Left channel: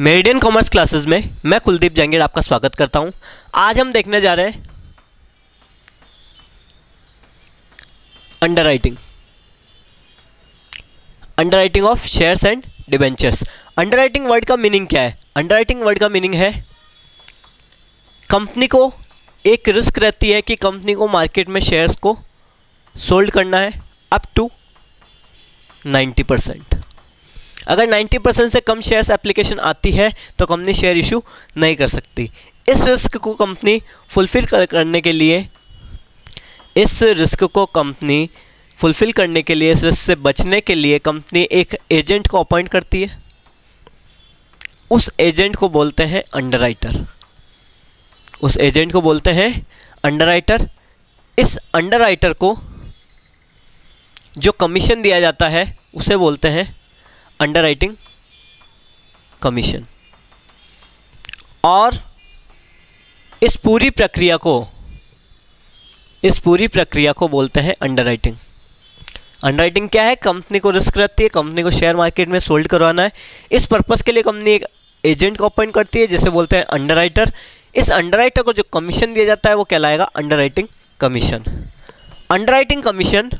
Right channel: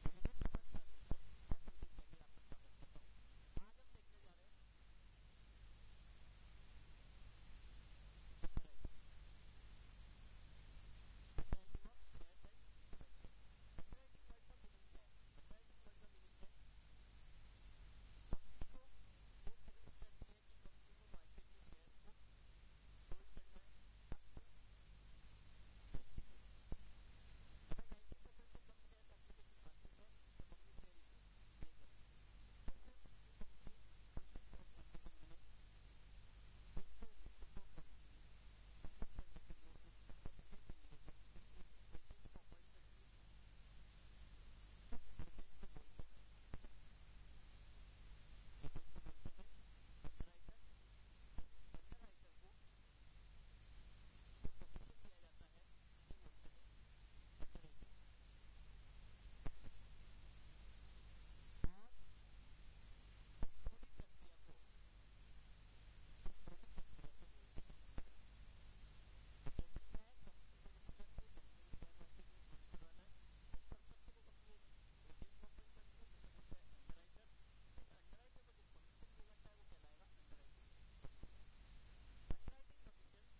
Meridian commerce classes में मैं कुलदीप जंगीर आपका स्वागत करता हूं। आज हम देखने जा रहे हैं underwriting of shares and debentures. Underwriting word का मीनिंग क्या है? अंडरराइटिंग वर्ड का मीनिंग है कंपनी को एक रिस्क रहती है कि कंपनी को मार्केट में शेयर्स को सोल्ड करना है अप टू 90%। अगर 90% से कम शेयर्स एप्लीकेशन आती है तो कंपनी शेयर इशू नहीं कर सकती। इस रिस्क को कंपनी फुलफिल करने के लिए इस रिस्क से बचने के लिए कंपनी एक एजेंट को अपॉइंट करती है। उस एजेंट को बोलते हैं अंडरराइटर। इस अंडरराइटर को जो कमीशन दिया जाता है उसे बोलते हैं अंडरराइटिंग कमीशन। और इस पूरी प्रक्रिया को बोलते हैं अंडरराइटिंग। अंडरराइटिंग क्या है? कंपनी को रिस्क रहती है, कंपनी को शेयर मार्केट में सोल्ड करवाना है। इस पर्पस के लिए कंपनी एक एजेंट को अपॉइंट करती है जिसे बोलते हैं अंडरराइटर। इस अंडरराइटर को जो कमीशन दिया जाता है वो कहलाएगा अंडरराइटिंग कमीशन। अंडरराइटिंग कमीशन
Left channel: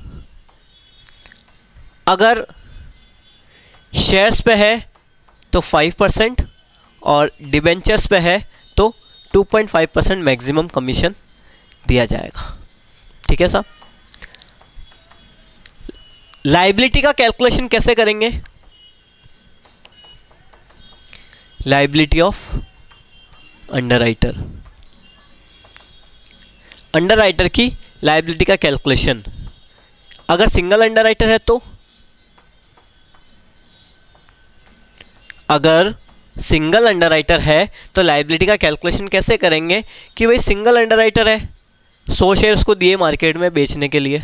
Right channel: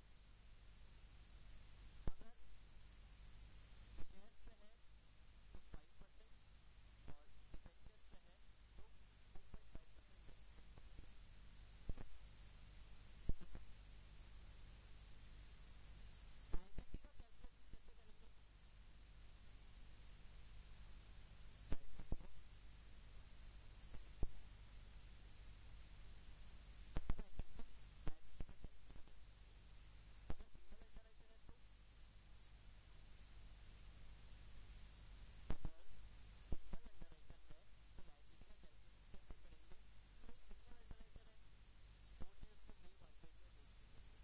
अगर शेयर्स पे है तो 5% और डिबेंचर्स पे है तो 2.5% मैक्सिमम कमीशन दिया जाएगा। ठीक है साहब। लायबिलिटी का कैलकुलेशन कैसे करेंगे? लायबिलिटी ऑफ अंडरराइटर की लायबिलिटी का कैलकुलेशन। अगर सिंगल अंडरराइटर है तो लायबिलिटी का कैलकुलेशन कैसे करेंगे कि भाई सिंगल अंडरराइटर है, 100 शेयर उसको दिए मार्केट में बेचने के लिए,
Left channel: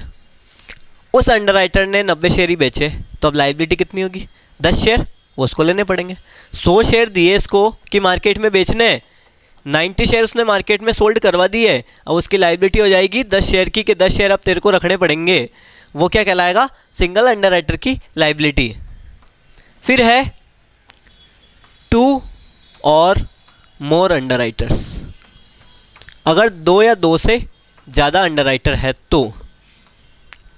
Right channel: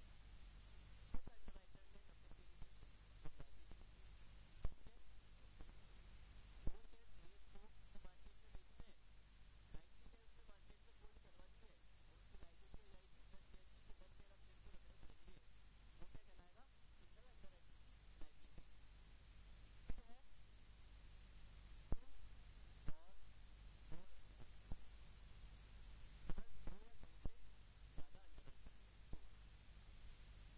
उस अंडरराइटर ने 90 शेयर ही बेचे तो अब लायबिलिटी कितनी होगी? 10 शेयर वो उसको लेने पड़ेंगे। 100 शेयर दिए इसको कि मार्केट में बेचने, 90 शेयर उसने मार्केट में सोल्ड करवा दिए, अब उसकी लायबिलिटी हो जाएगी 10 शेयर की कि 10 शेयर अब तेरे को रखने पड़ेंगे। वो क्या कहलाएगा? सिंगल अंडरराइटर की लायबिलिटी। फिर है 2 और मोर अंडरराइटर्स। अगर 2 या 2 से ज़्यादा अंडरराइटर है तो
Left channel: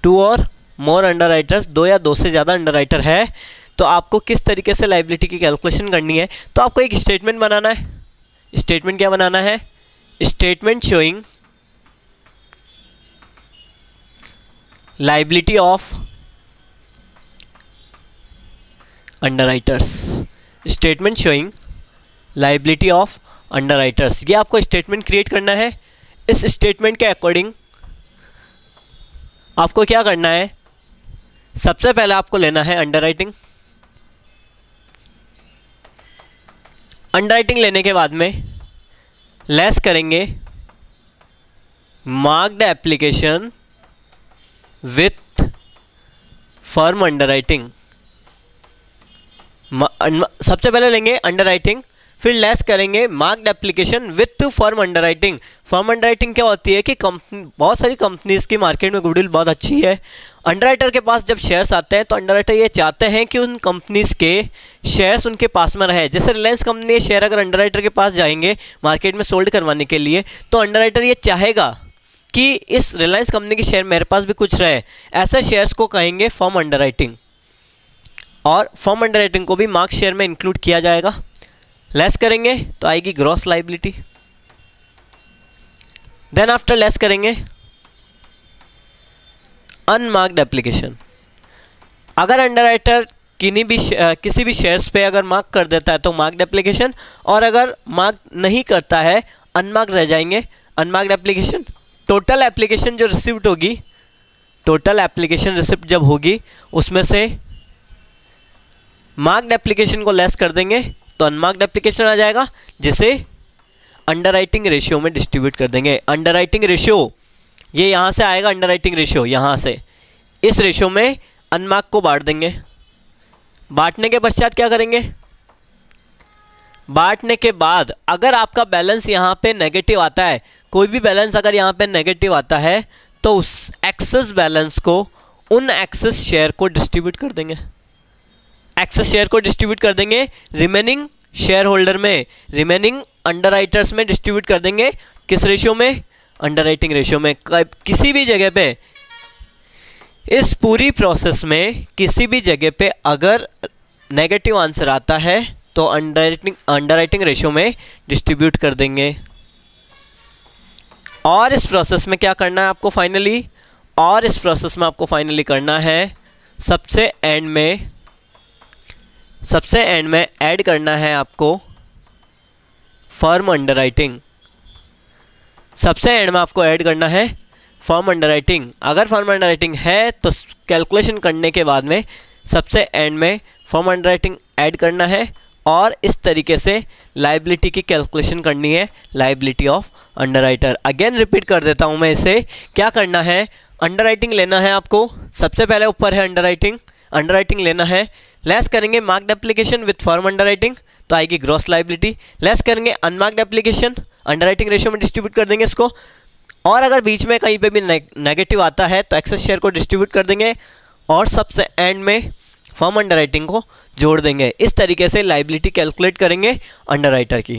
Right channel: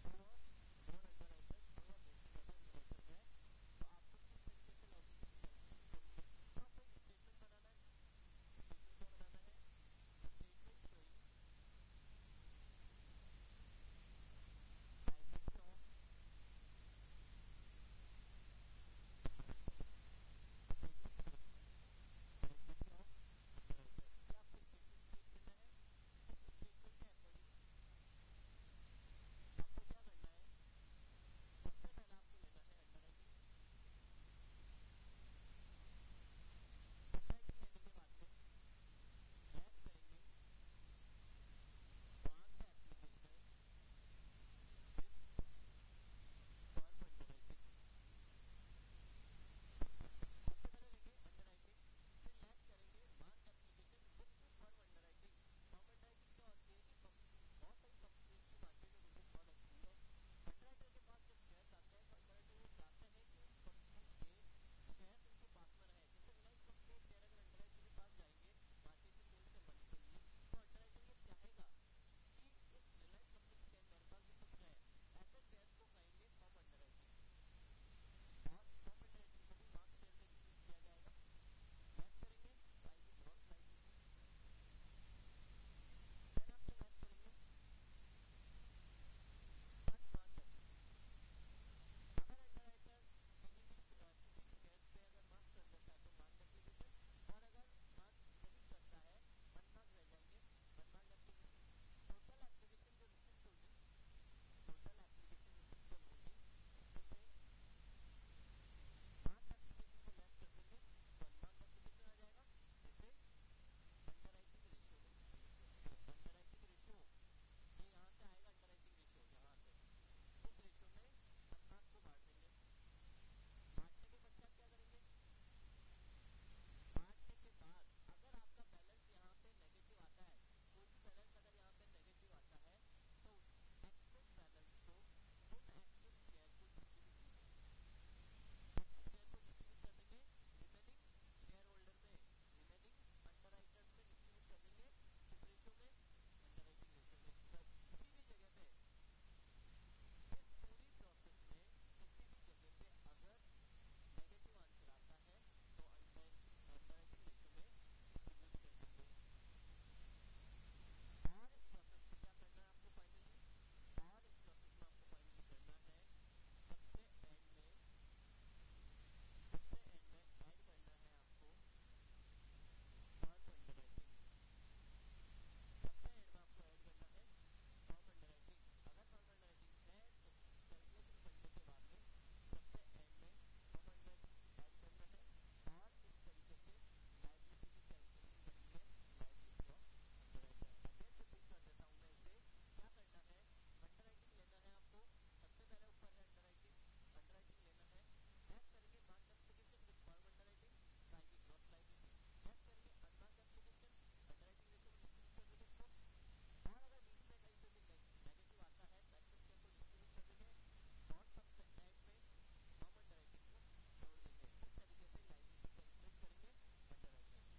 2 और मोर अंडरराइटर्स, 2 या 2 से ज़्यादा अंडरराइटर है तो आपको किस तरीके से लायबिलिटी की कैलकुलेशन करनी है? तो आपको एक स्टेटमेंट बनाना है। स्टेटमेंट क्या बनाना है? Statement showing liability of underwriters. Statement showing liability of underwriters, ये आपको स्टेटमेंट क्रिएट करना है। इस स्टेटमेंट के अकॉर्डिंग आपको क्या करना है? सबसे पहले आपको लेना है अंडरराइटिंग लेने के बाद में लेस करेंगे marked application with firm underwriting. सबसे पहले लेंगे अंडरराइटिंग, फिर लेस करेंगे marked application with firm underwriting. Firm underwriting क्या होती है कि बहुत सारी कंपनीज की मार्केट में गुडविल बहुत अच्छी है। अंडरराइटर के पास जब शेयर्स आते हैं तो अंडरराइटर ये चाहते हैं कि उन कंपनीज के शेयर्स उनके पास में रहे। जैसे रिलायंस कंपनी के शेयर अगर अंडरराइटर के पास जाएंगे मार्केट में सोल्ड करवाने के लिए तो अंडरराइटर ये चाहेगा कि इस रिलायंस कंपनी के शेयर मेरे पास भी कुछ रहे। ऐसे शेयर्स को कहेंगे फर्म अंडरराइटिंग, और फर्म अंडरराइटिंग को भी मार्क शेयर में इंक्लूड किया जाएगा। लेस करेंगे तो आएगी gross liability. Then after less करेंगे अनमार्क्ड एप्लीकेशन। अगर अंडरराइटर किसी भी शेयर्स पे अगर मार्क कर देता है तो मार्क्ड एप्लीकेशन, और अगर मार्क नहीं करता है अनमार्क्ड रह जाएंगे अनमार्क्ड एप्लीकेशन। टोटल एप्लीकेशन जो रिसिप्ट होगी, टोटल एप्लीकेशन रिसिप्ट जब होगी उसमें से मार्क्ड एप्लीकेशन को लेस कर देंगे तो अनमार्क्ड एप्लीकेशन आ जाएगा, जिसे अंडरराइटिंग रेशियो में डिस्ट्रीब्यूट कर देंगे। अंडरराइटिंग रेशियो ये यहाँ से आएगा, अंडरराइटिंग रेशियो यहाँ से, इस रेशियो में अनमार्क को बांट देंगे। बांटने के पश्चात क्या करेंगे? बांटने के बाद अगर आपका बैलेंस यहाँ पे नेगेटिव आता है, कोई भी बैलेंस अगर यहाँ पे नेगेटिव आता है तो उस एक्सेस बैलेंस को उन एक्सेस शेयर को डिस्ट्रीब्यूट कर देंगे। एक्सेस शेयर को डिस्ट्रीब्यूट कर देंगे, रिमेनिंग शेयर होल्डर में, रिमेनिंग अंडरराइटर्स में डिस्ट्रीब्यूट कर देंगे। किस रेशियो में? अंडरराइटिंग रेशियो में। किसी भी जगह पे, इस पूरी प्रोसेस में किसी भी जगह पे अगर नेगेटिव आंसर आता है तो अंडरराइटिंग रेशियो में डिस्ट्रीब्यूट कर देंगे। और इस प्रोसेस में क्या करना है आपको फाइनली? और इस प्रोसेस में आपको फाइनली करना है सबसे एंड में ऐड करना है आपको फर्म अंडरराइटिंग। सबसे एंड में आपको ऐड करना है फर्म अंडरराइटिंग। अगर फर्म अंडरराइटिंग है तो कैलकुलेशन करने के बाद में सबसे एंड में फर्म अंडरराइटिंग ऐड करना है और इस तरीके से लायबिलिटी की कैलकुलेशन करनी है, liability of underwriter. Again repeat कर देता हूं मैं इसे। क्या करना है? अंडरराइटिंग लेना है आपको। सबसे पहले ऊपर है अंडरराइटिंग लेना है। लेस करेंगे marked application with firm underwriting तो आएगी ग्रॉस लायबिलिटी। लेस करेंगे अनमार्क्ड एप्लीकेशन, अंडरराइटिंग रेशियो में डिस्ट्रीब्यूट कर देंगे इसको। और अगर बीच में कहीं पे भी नेगेटिव आता है तो एक्सेस शेयर को डिस्ट्रीब्यूट कर देंगे और सबसे एंड में फर्म अंडरराइटिंग को जोड़ देंगे। इस तरीके से लायबिलिटी कैलकुलेट करेंगे अंडरराइटर की।